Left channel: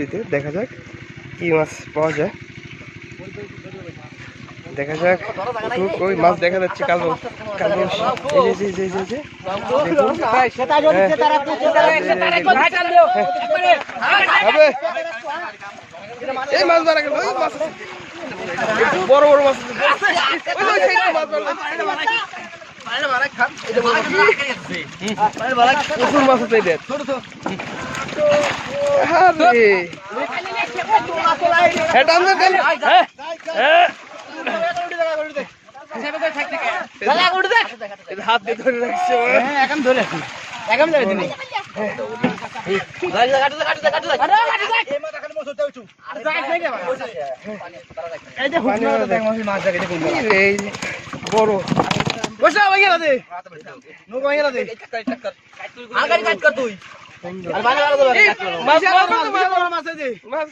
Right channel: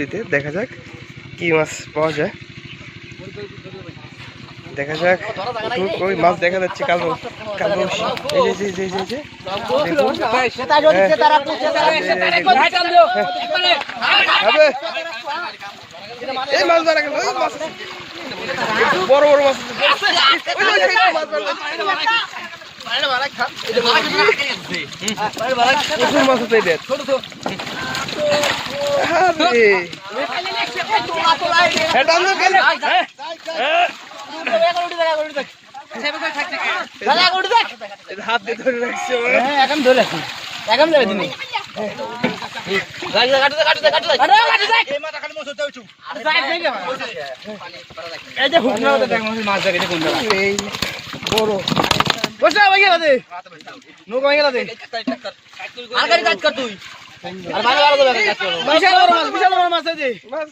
নদীতে, দেখা যাক কি মাছ পাওয়া যায়। দেখা যাক ওই মাছ দেখা যাচ্ছে কালো কালো। এই যে যে যে যে দেখুন এই মাছ ধরা গেল, ওই মাছ বড় বড় মাছ, প্রচুর মাছ আছে এটা। হাত দিয়ে ধরে রাখছে, এখন ধরে রাখছি, এখন ধরে দিবি। বড় বসা হয়ে গেল দে, নৌকা হয়ে গেল দে, আর গাড়ি কাজ কর তুই, আর ভালো ভালো করে কাজ কর, মাছ বড় মাছ আছে দে, মাছ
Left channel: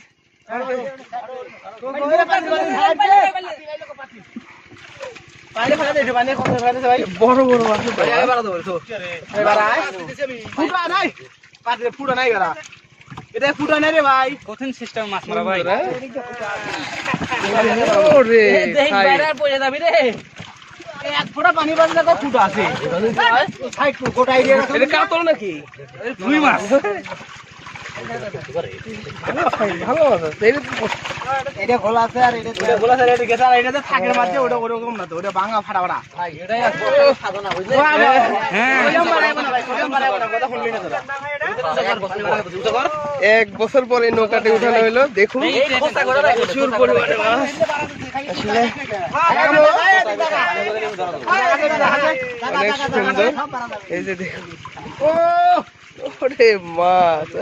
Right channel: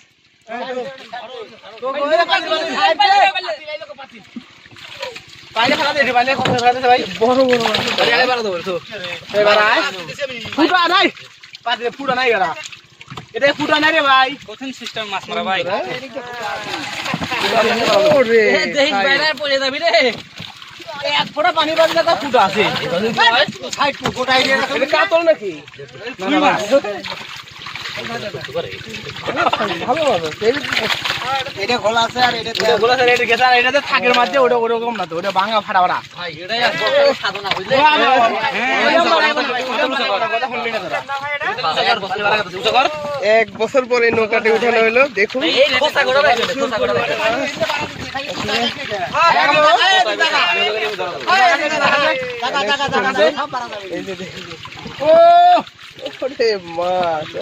পাইলে ফেলা দে, পাইলে কত ফেলা দে ভাই, বড় বড় মাছ আছে, আগে বড় দে তো এবার আয়, ফুটা নাই পাতে, ফুটা নাই গরা, এটা ফুটা নাই রে ভাই, কঠিন সিস্টেম মাছ মারা ভাই। ওরে দেখ বাইরে পড়ে যাবি রে, এক ফোঁটা পানি বাজলে তো ফুটা আছে, সাইড গোটাই দিয়ে এটা কাতল নাকি ফুই মাছ, ভালো আছে এটা খোলা আছে, আর এটা খোলা আছে, এটা গেছে, আর এটাতে থাকের মাঝে ওটা ওরকম না তো, ওটা ভাঙা ফাটা ফাটা ভাই, এটাই সাধনা বুঝলে। এক বছর পরে নৌকাটি উঠানো হলো, দেখুন এই যে দেখুন, ওরে মাছ,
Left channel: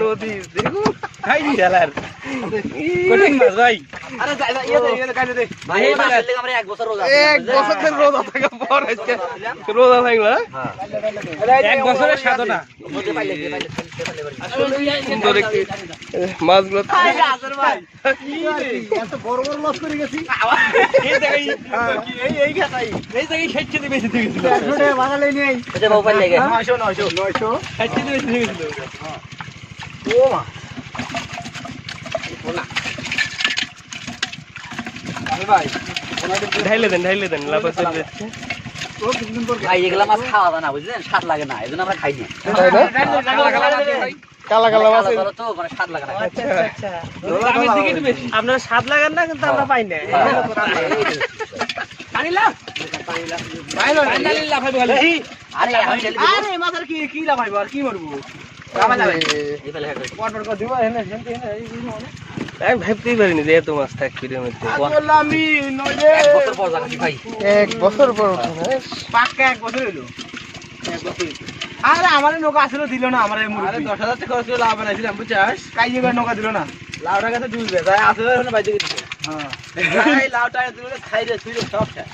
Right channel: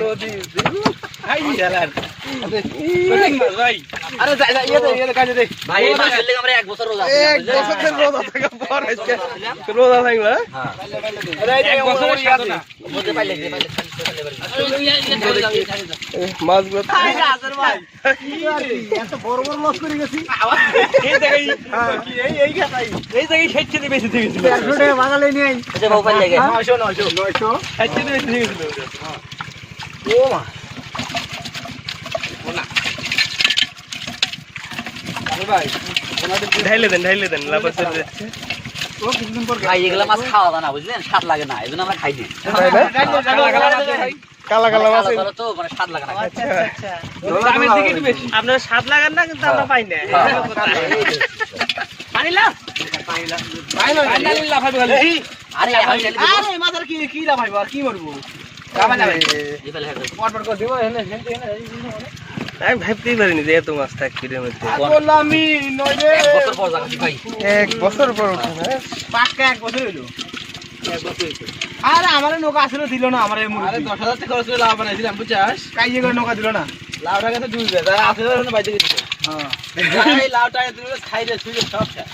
নদী দেখুন, এক বছর রোজা থাকা পর আজকে রোজা থাকলো, মাছগুলো ঢাইলে দেন লাফা চলে যাচ্ছে ভাই। এগুলা মাছ খাওয়া যায় না বুঝলেন, স্বাদ লাগে না, এই জন্য আমরা খাই না। কালা কালা মাছ তো মানে স্বাদ লাগে না, আপনার স্বাদ লাগান না, কিন্তু আমরা পাই না। আমি ভাবতেই পারিনি যে এত মাছ থাকবে এর মধ্যে। এক বছর পর ওঠে না, পাক্কা এক বছর হইলো। আরে আমার নৌকা আসলে দিল না, আমার 10,000 টাকা খরচ করে লাভ বানাইছিলাম বুঝছাস, কাইয়ে করে নৌকা দিল না, লাউটা কাছে ডুবে যায়, আসলে বাইতে গেছে। হ্যাঁ লাউটা দিল, খাইলে ছুঁড়ে সব খায়।